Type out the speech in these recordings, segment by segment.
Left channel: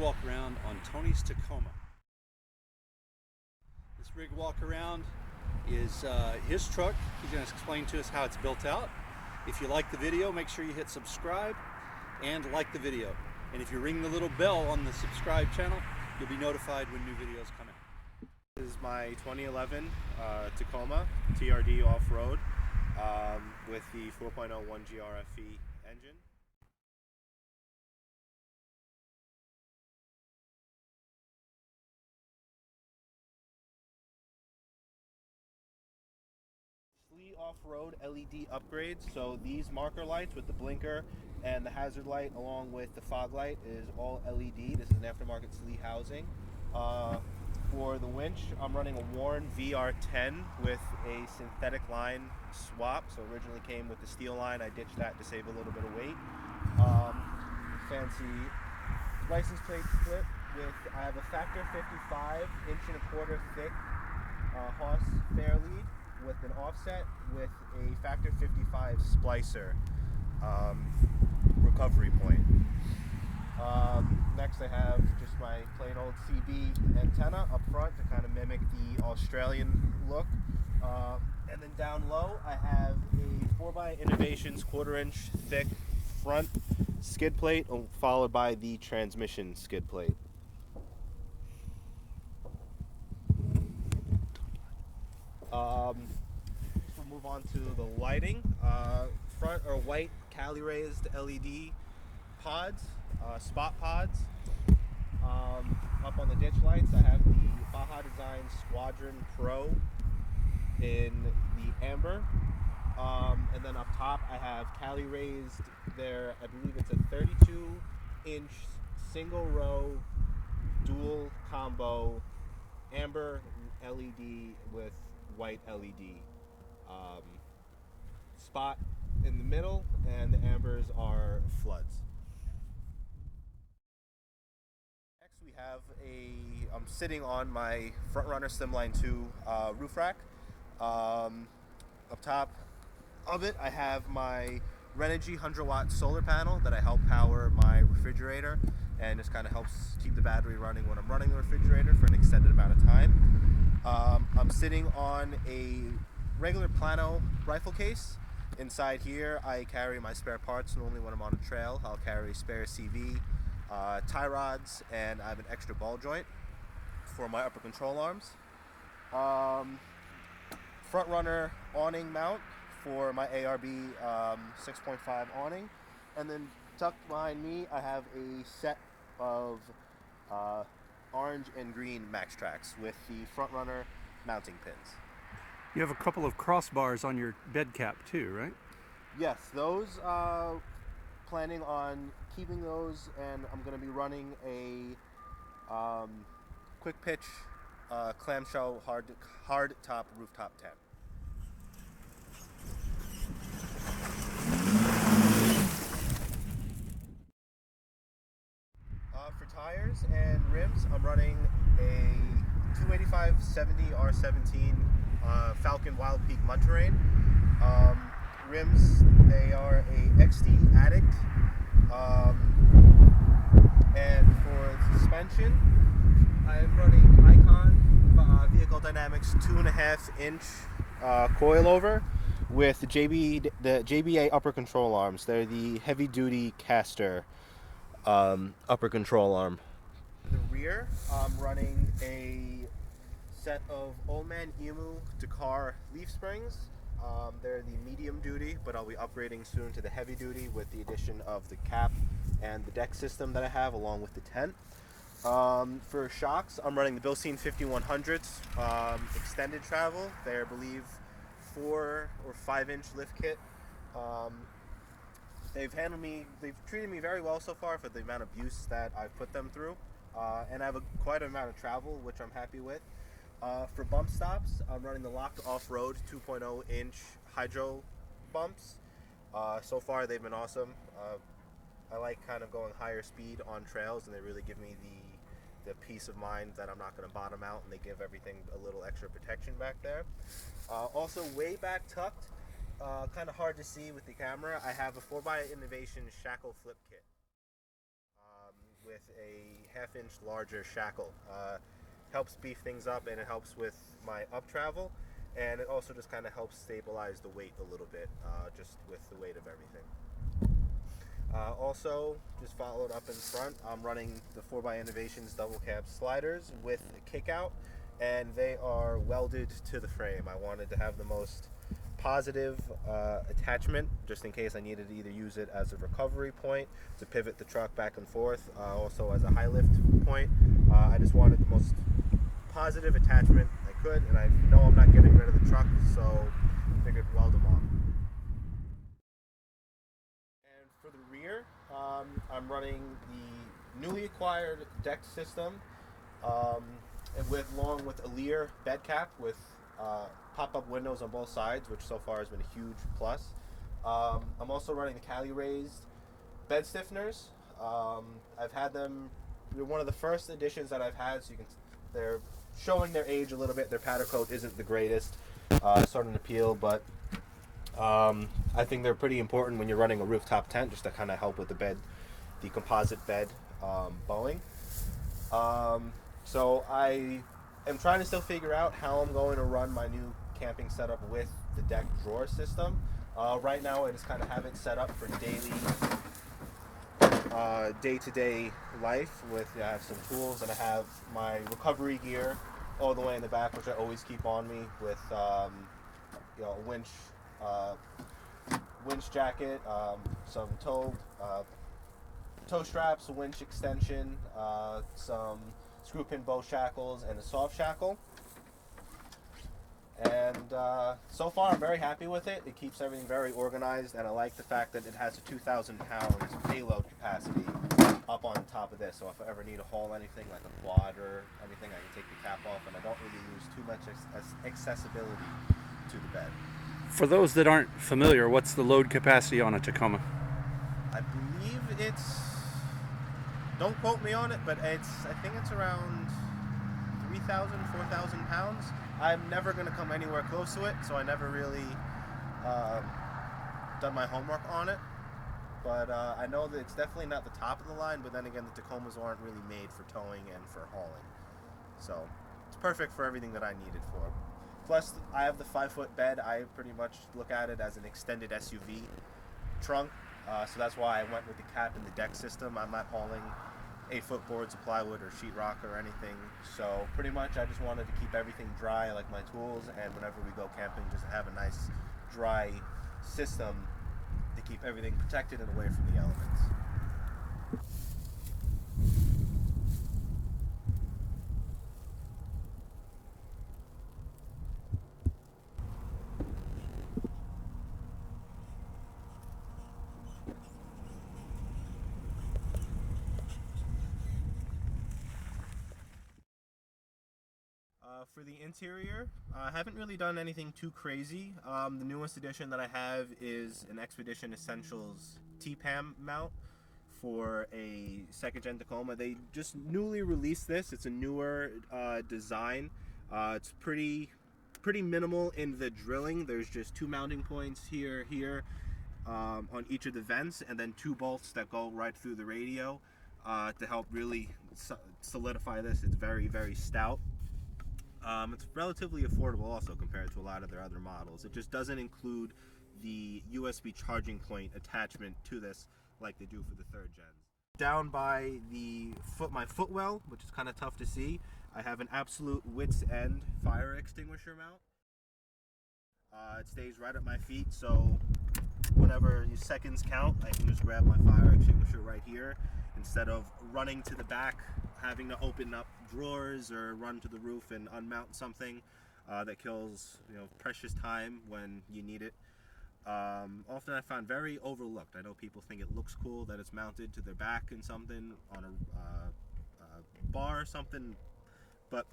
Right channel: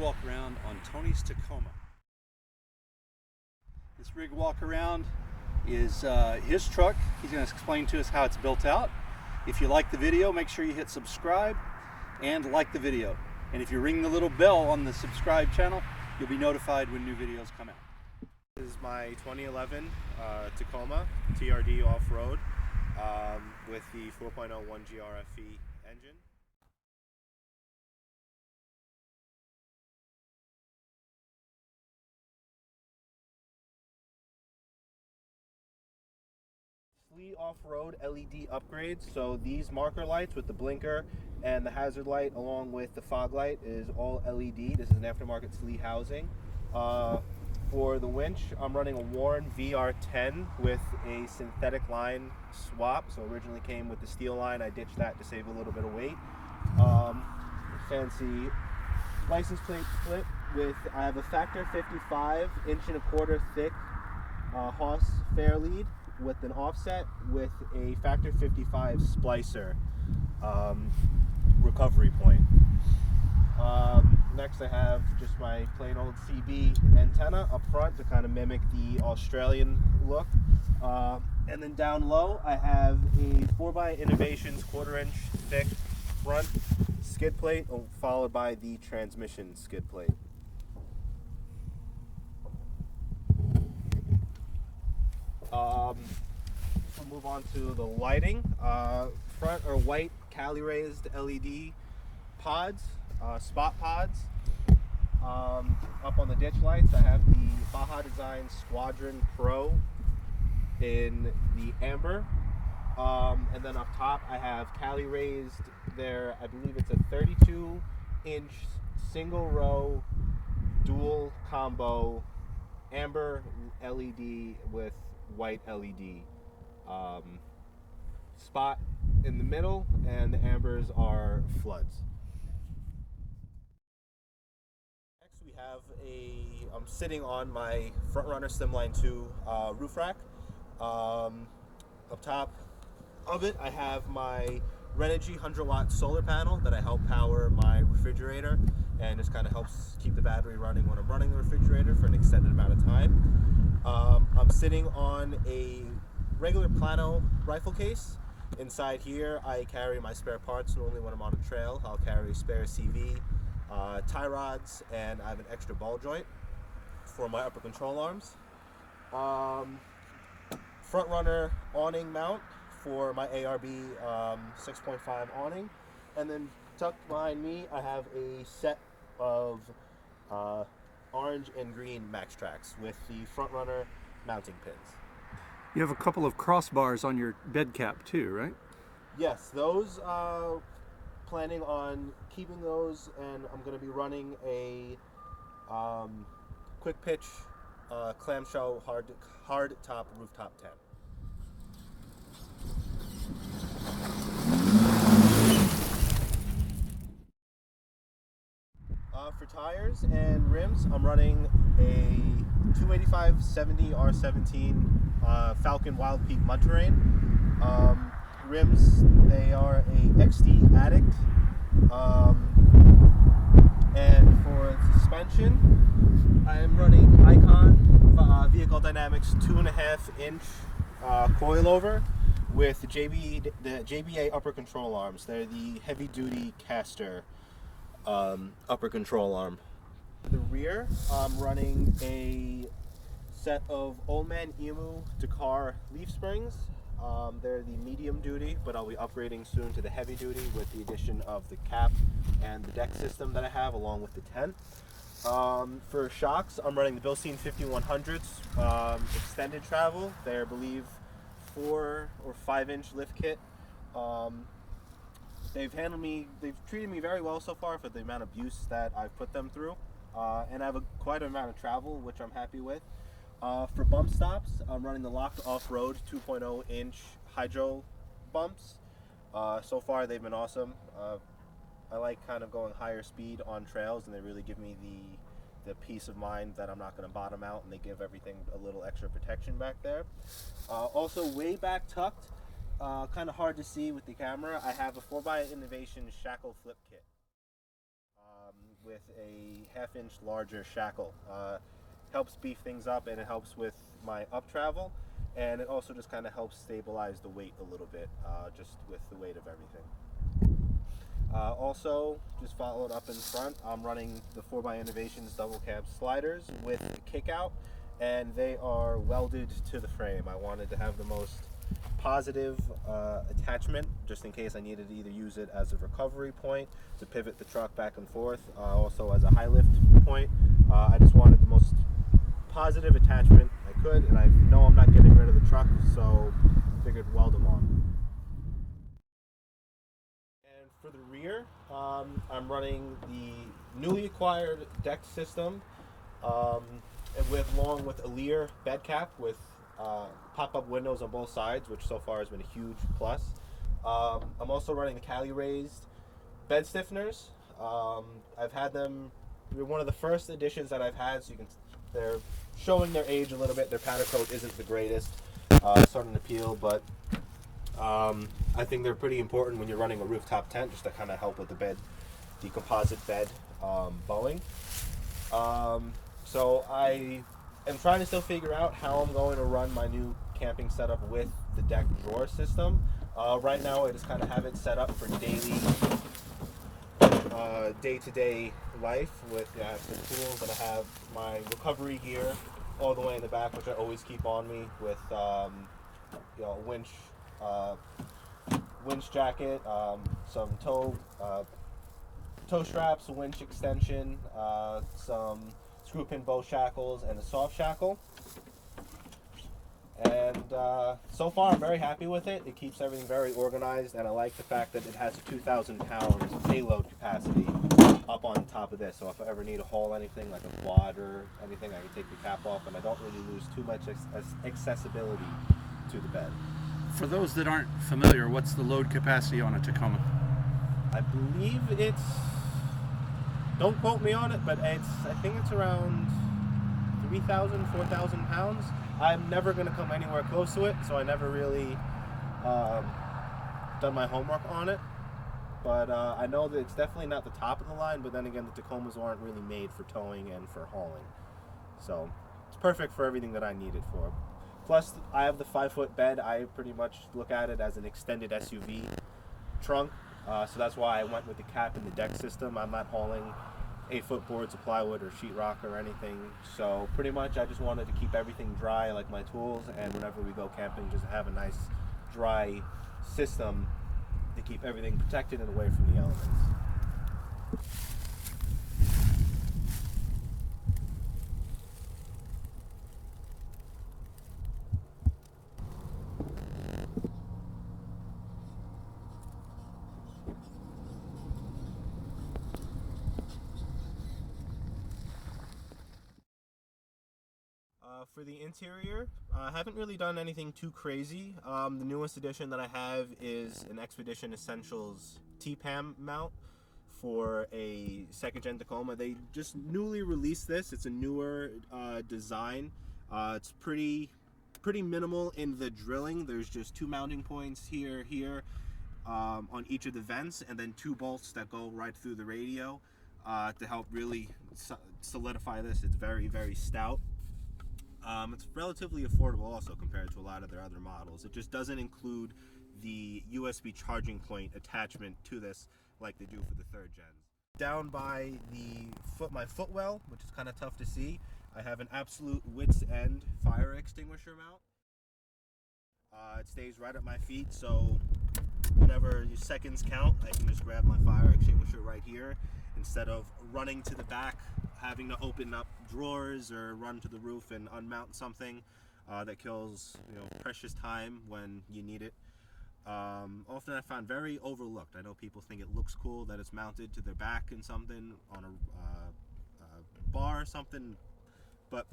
walk around on Tony's Tacoma. This rig Walkaround is his truck. He's going to explain to us how it's built out. If you like the video, make sure you hit subscribe and like the video. And if you ring the little bell on the subscribe channel, you'll be notified when new videos come out. This is my 2011 Tacoma TRD off-road with the 4.0 1G RFE engine. SLE off-road LED upgrades. So these marker lights with the blinker and the hazard light along with the fog light is all LED. This is an aftermarket SLE housing. For the winch, I'm running a Warren VR10 with a synthetic line swap. So originally came with the steel line. I ditched that to save a little bit of weight. Fancy license plate split with, I have a factor 55 1.25" thick Haas fair lead with an offset with a factor 55 splicer recovery point. Next I have just my plain old CB antenna up front to kind of mimic the Australian look. And then down low I have a 4x Innovations 1/4" thick front skid plate followed by the transmission skid plate. We'll move on to the lighting. Front are white Cali raised LED pods, spot pods. Up on the ditch lights I have the Baja Design Squadron Pro in the amber. And then up top I have Cali raised there, I believe it's a 32-inch single row dual combo amber LED with white LED. Spot in the middle, and the ambers are floods. Next we have I'm sitting on my Front Runner Slimline 2 roof rack. Up top of it I have my Renogy 100-watt solar panel that I help power my refrigerator, and just kind of helps keep the battery running when I'm running the refrigerator for an extended amount of time. I'm sitting on a regular Plano rifle case. Inside here I carry my spare parts. Normally when I'm on a trail I'll carry spare CV, tie rods, and I have an extra ball joint for my upper control arms. Front runner awning mount for my ARB 6.5 awning, and then tucked behind me I have a set of orange and green Max Tracks with the front runner mounting pins. You have a couple of crossbars on your bed cap too, right? Yes, those planning on keeping those, and I'm going to be running a quick pitch clamshell hard top rooftop tent. For tires and rims, I'm running a 285/70 R17 Falcon Wild Peak Mud Terrain. Rims, they are a XD Addict. And for suspension, I am running Icon Vehicle Dynamics 2.5-inch coilover with the JBA upper control arms. They're the heavy duty caster upper control arm. For the rear, I'm running a set of Old Man Emu Dakar leaf springs. They're the medium duty, but I'll be upgrading soon to the heavy duty with the addition of the cap and the deck system that I have along with the tent. For shocks, I'm running the Bilstein 5100s extended travel. They're, I believe, 4 or 5-inch lift kit. They've treated me very well so far for the amount of use that I've put them through. And I have quite an amount of travel, which I'm happy with. For bump stops, I'm running the Locked Off-Road 2.0-inch hydro bumps. So far they've been awesome. I like kind of going higher speed on trails, and they really give me the peace of mind that I'm not going to bottom out, and they give everything a little extra protection back there. Also way back tucked, kind of hard to see with the camera, I have a 4x Innovation shackle flip kit. with a 1/2 inch larger shackle. Helps beef things up, and it helps with my up travel, and it also just kind of helps stabilize the weight a little bit, just with the weight of everything. Also, just followed up in front, I'm running the 4x Innovations double cab sliders with a kick out, and they are welded to the frame. I wanted to have the most positive attachment, just in case I needed to either use it as a recovery point to pivot the truck back and forth, also as a high lift point. I just wanted the most positive attachment I could, and I know I'm not getting rid of the truck, so figured weld them on. And for the rear, I'm running the newly acquired deck system, along with a Lear bed cap with pop-up windows on both sides, which so far has been a huge plus. I'm also running the Cali raised bed stiffeners. I've had them. They're one of the first editions that I've had, so they're showing their age a little bit. Their powder coat isn't the greatest, starting to peel, but I think they're pretty important when you're running a rooftop tent, just to kind of help with the composite bed bowing. So I am trying to still figure out how I'm going to run my new camping setup with the deck drawer system. Right now I just kind of have it set up for daily, day-to-day life. I have some tools, and I have my recovery gear all the way in the back, which I always keep on me, with a winch jacket, some toe straps, a winch extension, some screw pin bow shackles, and a soft shackle. And so far I'm very happy with it. It keeps everything very organized, and I like the fact that it has a 2,000 pounds payload capacity up on top of this. So if I ever need to haul anything like a quad or anything, I can take the cap off, and I don't really lose too much accessibility to the bed. For those that aren't familiar, what's the load capacity on a Tacoma? I believe it's, don't quote me on it, but I think it's around 3,000, 4,000 pounds. I'm never going to come anywhere close to it, so I never really done my homework on it. But I know that it's definitely not the top of the line, but then again, the Tacomas aren't really made for towing and for hauling. So it's perfect for everything that I need it for. Plus, I have the 5-foot bed. I pretty much look at it as an extended SUV trunk. So that's why I went with the cap and the deck system. I'm not hauling 8-foot boards of plywood or sheetrock or anything. So pretty much I just wanted to keep everything dry, like my tools, and whenever we go camping, just have a nice dry system to keep everything protected and away from the elements. For the interior, I haven't really done anything too crazy. The newest addition that I have is an Expedition Essentials T-PAM mount for a 2nd gen Tacoma. They just newly released this. It's a newer design. It's pretty minimal in the drilling. There's just 2 mounting points here, on each of the vents, and then 2 bolts that go right through the radio to help really solidify this. It's very, very stout. It's relatively affordable also compared to a lot of their other models. It just doesn't include the USB charging point attachment to this like they do for the 3rd gens. Down by my footwell, which is kind of tough to see, I have an absolute wit's end fire extinguisher mount. It stays right at my feet, so whenever your seconds count, I can just grab my fire extinguisher right here instead of running to the back, having to open up drawers or run to the roof and unmount something that kills precious time when you need it. Often I found very overlooked. I know people think it looks cool that it's mounted to their back in something on a bar or something, but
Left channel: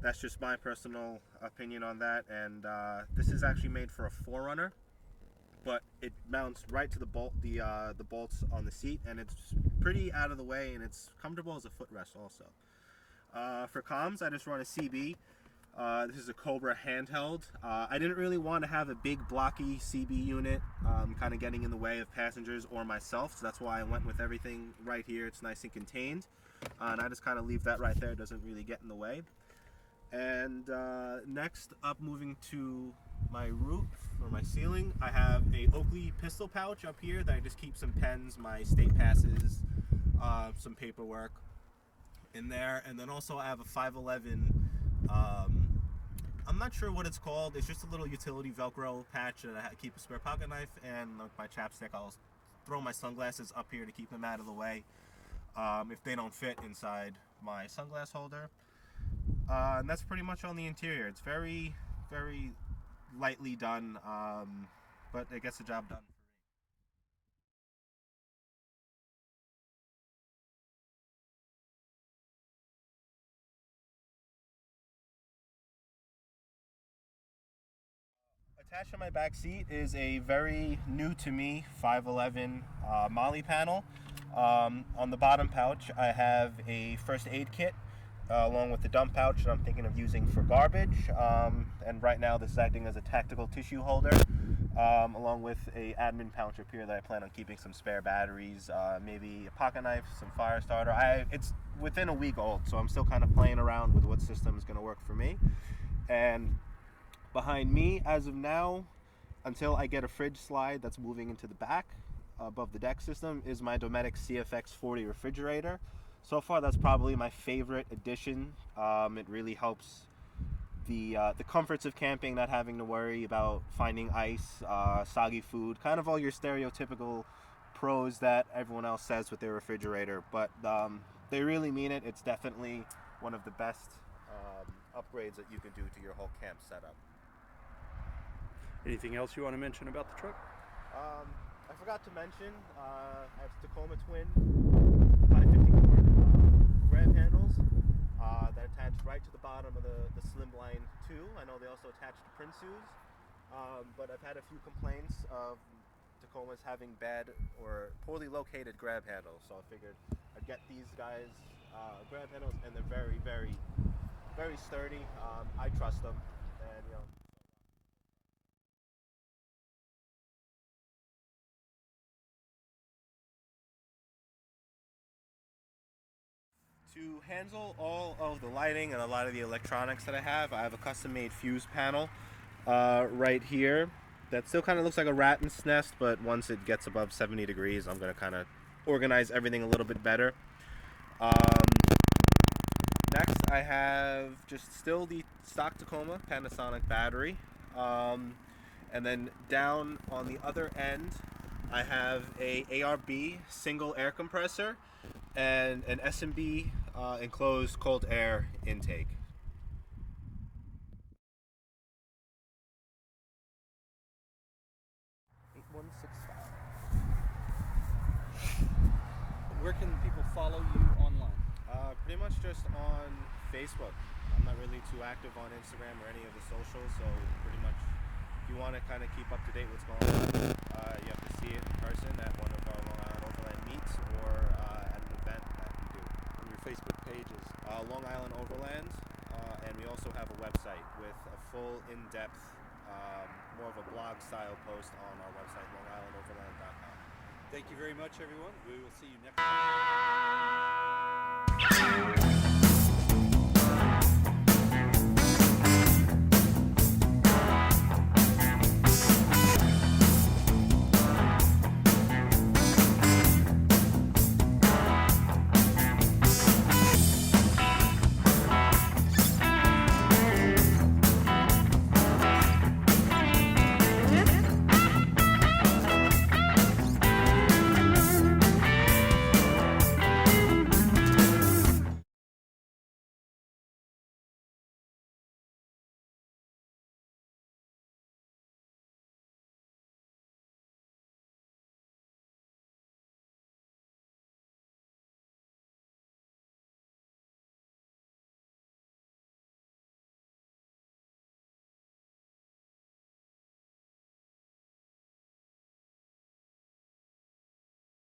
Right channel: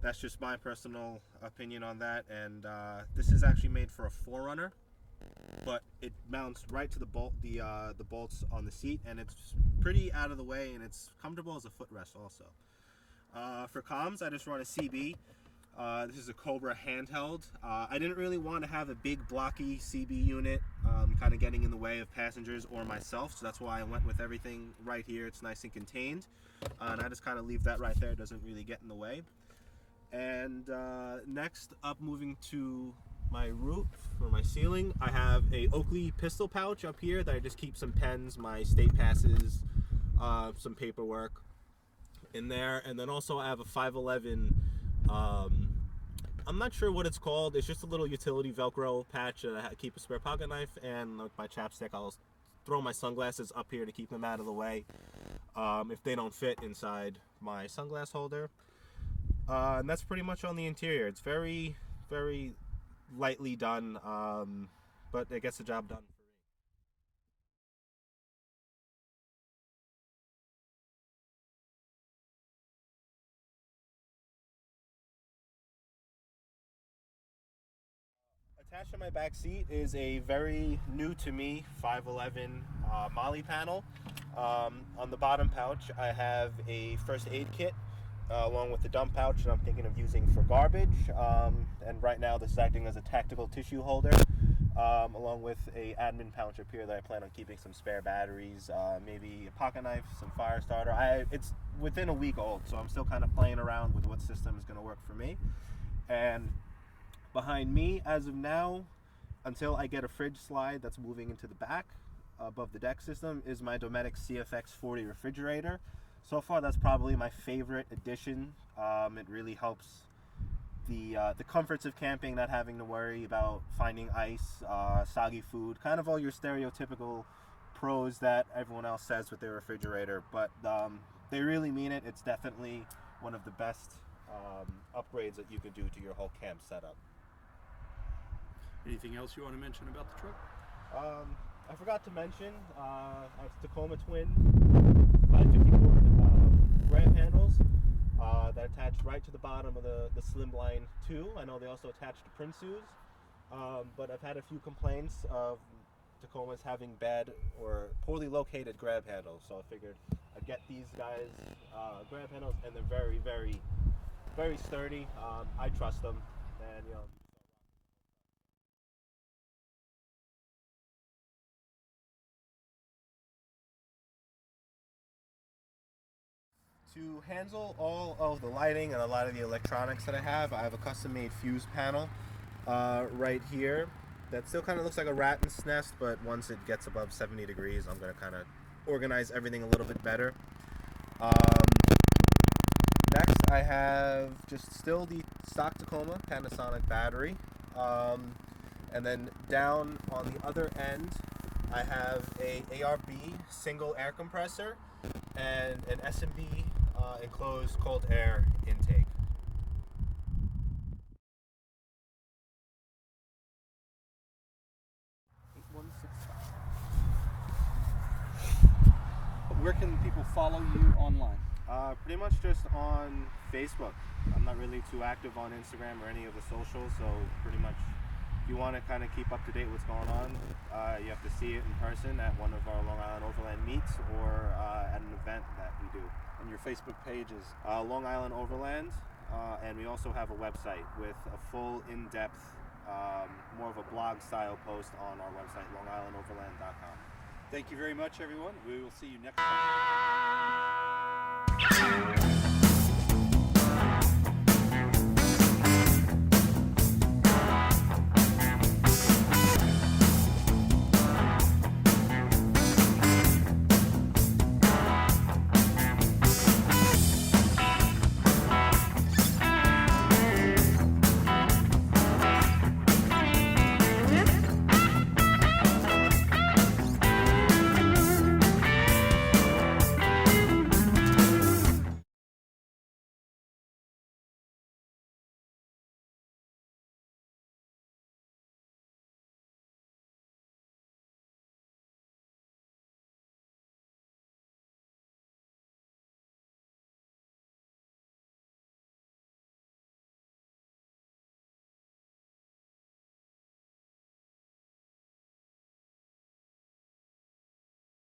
that's just my personal opinion on that. And this is actually made for a 4Runner, but it mounts right to the bolts on the seat, and it's pretty out of the way, and it's comfortable as a footrest also. For comms, I just run a CB. This is a Cobra handheld. I didn't really want to have a big blocky CB unit kind of getting in the way of passengers or myself, so that's why I went with everything right here. It's nice and contained, and I just kind of leave that right there. It doesn't really get in the way. And next up, moving to my roof or my ceiling, I have a Oakley pistol pouch up here that I just keep some pens, my state passes, some paperwork in there. And then also I have a 511, I'm not sure what it's called. It's just a little utility Velcro patch that I keep a spare pocket knife, and with my chapstick I'll throw my sunglasses up here to keep them out of the way if they don't fit inside my sunglass holder. And that's pretty much on the interior. It's very, very lightly done, but it gets the job done for me. Attached to my back seat is a very new to me 511 Molly panel. On the bottom pouch I have a first aid kit along with the dump pouch that I'm thinking of using for garbage, and right now this is acting as a tactical tissue holder, along with a admin pouch up here that I plan on keeping some spare batteries, maybe a pocket knife, some fire starter. It's within a week old, so I'm still kind of playing around with what system is going to work for me. And behind me, as of now, until I get a fridge slide that's moving into the back above the deck system, is my Dometic CFX 40 refrigerator. So far, that's probably my favorite addition. It really helps the comforts of camping, not having to worry about finding ice, soggy food, kind of all your stereotypical pros that everyone else says with their refrigerator. But they really mean it. It's definitely one of the best upgrades that you can do to your whole camp setup. Anything else you want to mention about the truck? I forgot to mention, I have Tacoma twin 550 cord grab handles that attach right to the bottom of the Slimline 2. I know they also attach to Prince's, but I've had a few complaints of Tacomas having bad or poorly located grab handles, so I figured I'd get these guys grab handles, and they're very, very, very sturdy. I trust them, and you know. To handle all of the lighting and a lot of the electronics that I have a custom-made fuse panel right here that still kind of looks like a rat's nest, but once it gets above 70 degrees, I'm going to kind of organize everything a little bit better. Next, I have just still the stock Tacoma Panasonic battery. And then down on the other end, I have a ARB single air compressor and an S&B enclosed cold air intake. Where can people follow you online? Pretty much just on Facebook. I'm not really too active on Instagram or any of the socials, so pretty much if you want to kind of keep up to date with what's going on, you have to see it in person at one of our Long Island Overland meets or at an event that we do. And your Facebook page is? Long Island Overland, and we also have a website with a full in-depth, more of a blog style post on our website, longislandoverland.com. Thank you very much, everyone. We will see you next time.